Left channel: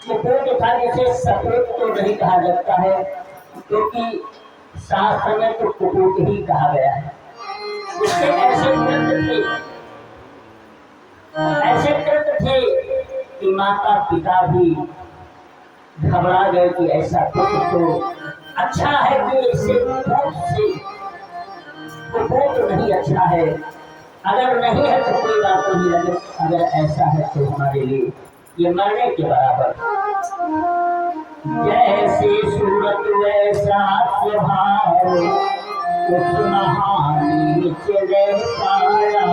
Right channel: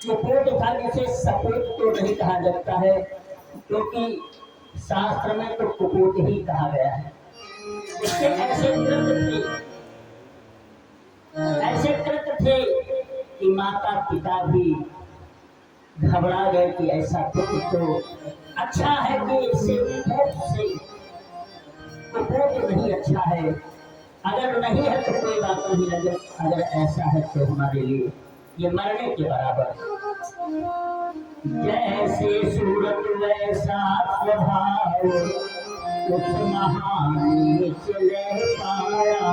कुपोत था जिसे सपोत तो नहीं कहा जाता है, क्योंकि शास्त्र में तो कुपोत ही कहा गया है। उसके ऐसे कृत थे कि माता पिता भी घबरा गए कि ऐसा पुत्र तो अच्छा है कि इससे कुपोत नहीं अच्छा है, अगर नहीं है तो कोई बात नहीं, लगे अगर ऐसा है तो हमारे लिए ये मरने के बराबर। जैसे सूरत वैसा स्वभाव, उस महानी चले पाया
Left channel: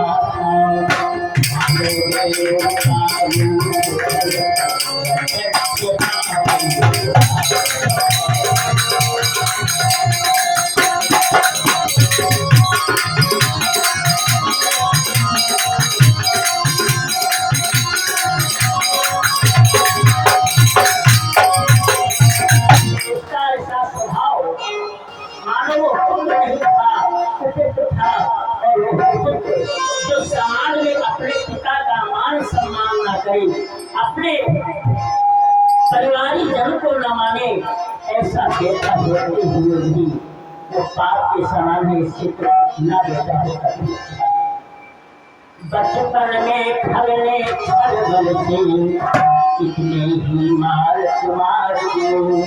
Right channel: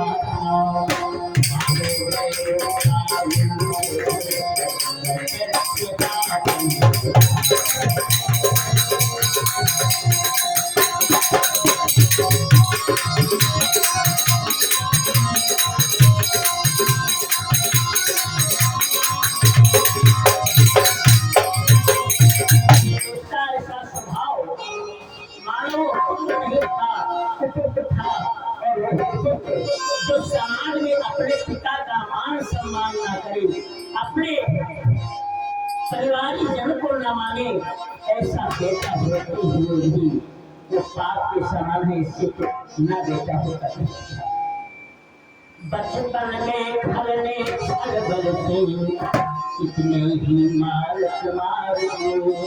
जो समाज में अपने पिता का मान सम्मान न करे, अपने परिवारी जन को न माने, ऐसा बेटा होते हुए भी जो पाप के समान है, इससे न बेटा होता है। बचपन में खलने छल से कितने ही मार कुमार दिए,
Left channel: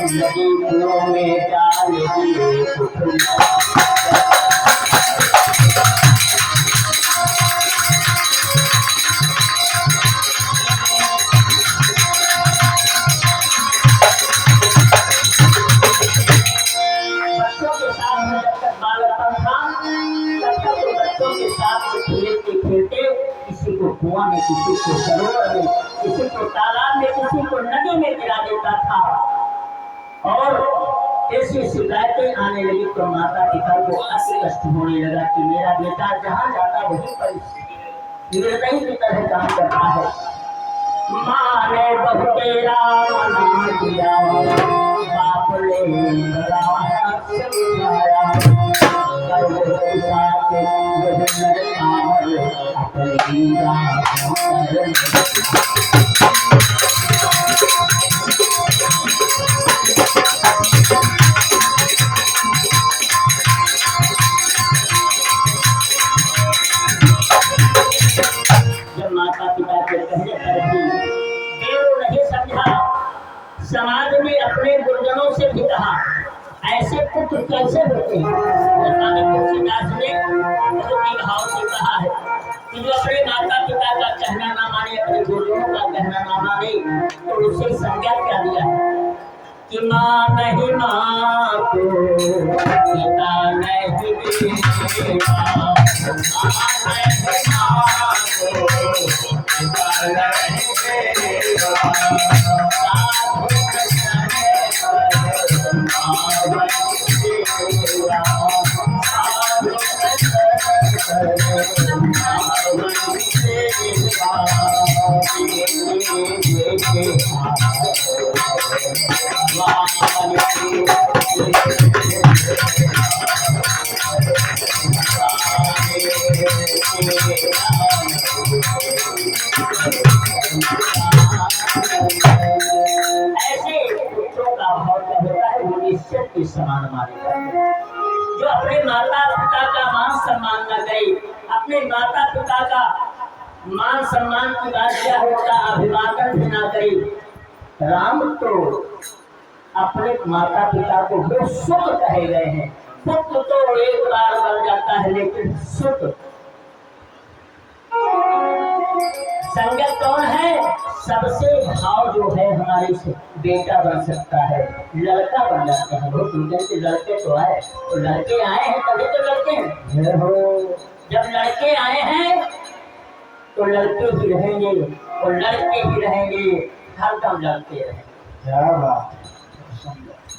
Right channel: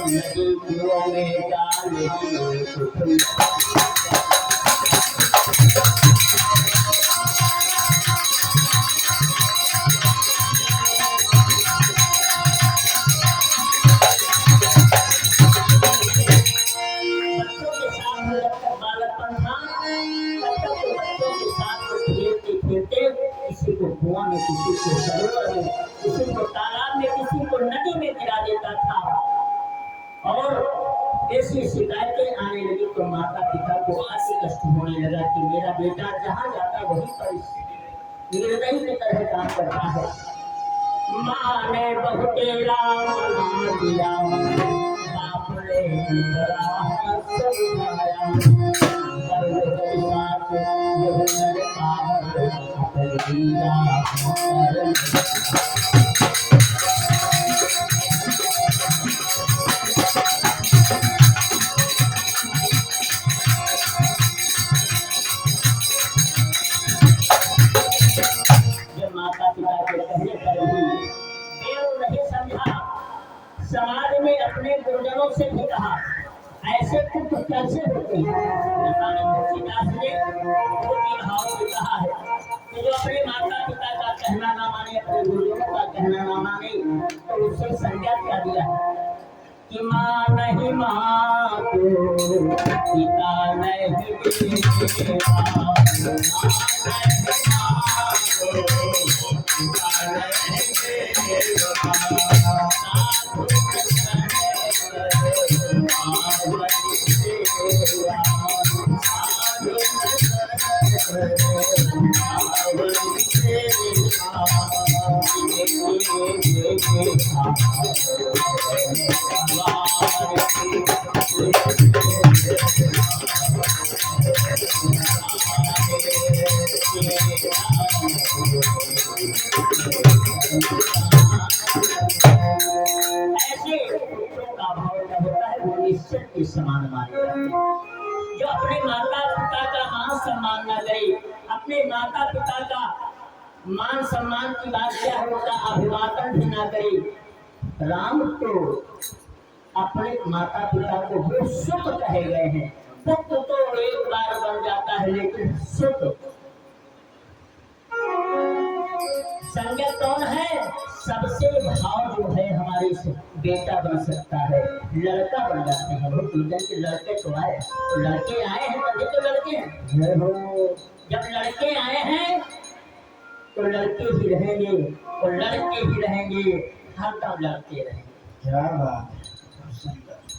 नदियों में डाल दिए कुआं में, किसी को सरोवर में, किसी को तालाब में, किसी को नदी में गिरा देता था। और ऐसी शिकायतें आने लगी तो माता पिता को अति कष्ट होने लगा कि मेरा बेटा जहाँ जाता वहीं पर निर्दयी की तरह काम करता है। माँ ने बहु तेरा मना दिया, बाप ने जब माता पिता के कहने पर भी देव नहीं समझा, समाज में अपने गुरुजनों से भी कहा ऐसे पुत्र कैसे होते हैं। तुलसीदास ने बहुत ही भाव से कहा है कि जो अपने माता पिता का कहना ना माने, अपने गुरुजनों का कहना ना माने, तो उसे संज्ञा क्या दिया है कि माँ नहीं माँ को पिता नहीं पिता, समान माने जाते हैं। जो अपने माता पिता का मान सम्मान न करे, अपने माता पिता का मान सम्मान की बात क्या होगा, अभिवादन भी ना करे। राम तो अपने माता पिता को वो सुत कहे गए हैं। पुत्र तो एक बार बन जाता है, लेकिन सुत संगत कौन है? सबसे भाव जो है हमारे से बेटा बन सकता है, लड़का बन जाते हैं। वो दुनिया के लड़के तो आए, तो लड़के आए हैं तभी तो लड़के हैं हो। जब लड़के आए हैं तो लड़के ही रहेंगे, और लड़के ही रहेंगे, हर दम लड़के रहेंगे। क्या बात,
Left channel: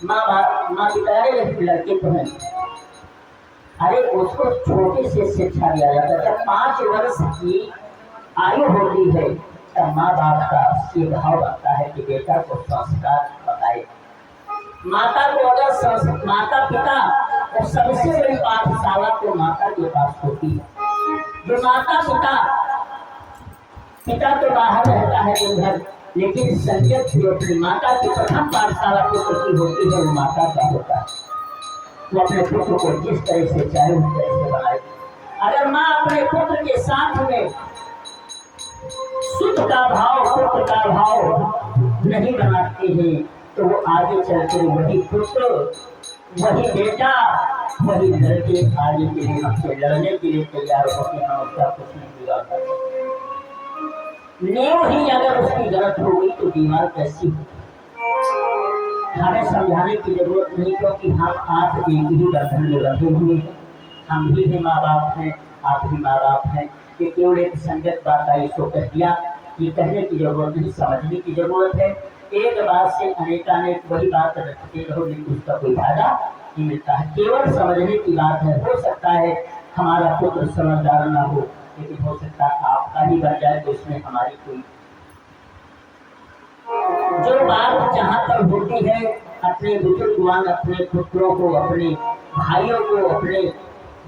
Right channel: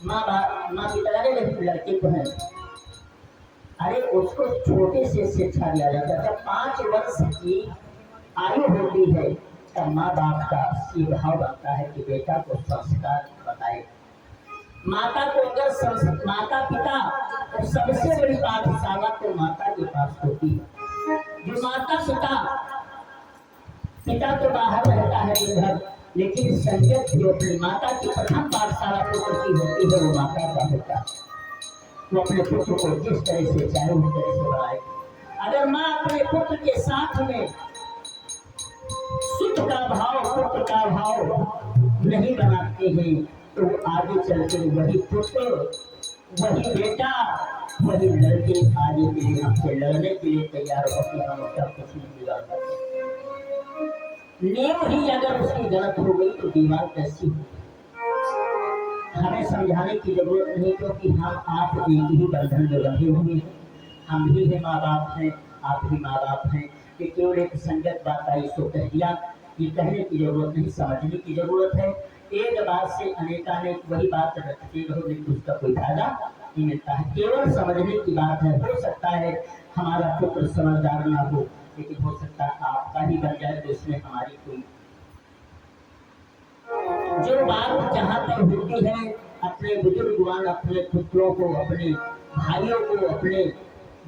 माँ पिता लड़के तो हैं। अरे उसको छोटे से शिक्षा दिया जाता है। जब 5 वर्ष की आयु होती है तब माँ बाप का ये भाव बनता है कि बेटा को संस्कार बताए। माता को अगर माता पिता और सबसे बड़ी पाठशाला तो माता के पास होती है। जो माता पिता तो बाहर रहता है दिन भर, लेकिन संयत जो अपनी माता की प्रथम पाठशाला पुत्र की होती है वो माता का होता है। वो अपने पुत्र को जिस तरह से चाहे उस तरह से बनाए। अगर माँ अपने पुत्र के साथ में सुख का भाव पुत्र का भाव नहीं बनाते हैं तो वो आगे चलकर वही पुत्र वही बेटा वही लड़के आगे के लिए हमसे लड़ने के लिए तैयार होते हैं और उसका कुछ नहीं बिगाड़ता। नींव ही अगर उसकी गलत हो गई तो दीवार कैसी होगी। हमें समझाने की जरूरत नहीं क्योंकि हम आप एक ही बंधन में बंधे हुए हैं। हम ही है माँ बाप हैं, आप ही माँ बाप हैं। ये केवल एक संगत बात आई इसको कह दिया। ये कहने की जरूरत नहीं, समझने की जरूरत है। एक बात से अनेकानेक वही बात रखते रहो लेकिन उसका कोई फायदा नहीं मिलता है। केवल समझने की बात है। हो सकता है हमारा पुत्र समझदार ना हो लेकिन हो सकता है आपका ही बन जाए तो इसमें हमारी कोई जो बात जहाँ पर होती है अपने बुजुर्गवान अपने पुत्रों को अपने भाइयों को अपने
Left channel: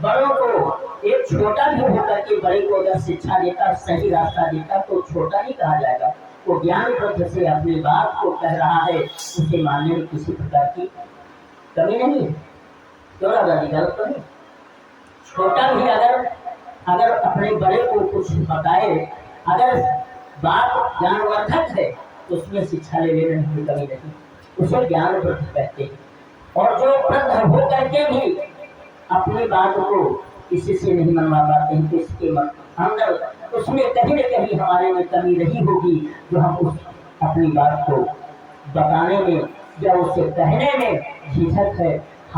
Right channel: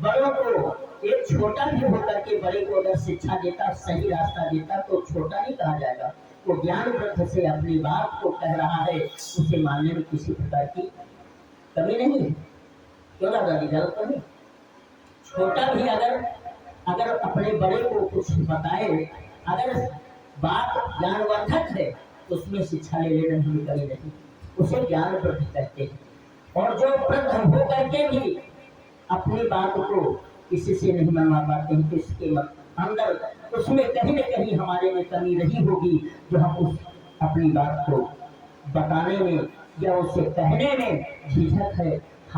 बड़ों को एक छोटा भी होकर के बड़े को अगर शिक्षा देता सही रास्ता देता तो छोटा नहीं कहा जाएगा। वो ज्ञान ग्रंथ से अपनी बात को कह रहा है उसे मानने में किसी प्रकार की कमी नहीं है। क्यों ना गलत तो नहीं। छोटा भी अगर अगर अपने बड़े को कुछ बताए अगर बात ज्ञानवर्धक है तो उसमें शिक्षा ले लेने में कमी नहीं, उसे ज्ञान वृद्ध कहते हैं। और जो वृद्ध हो करके भी अपनी बात को किसी से नहीं मनवा पाते हैं तो इसके अंदर उसमें कहीं न कहीं हमारे में कमी नहीं होगी जो हम उस अपनी बात को बताने में या उसे कहने में झिझक है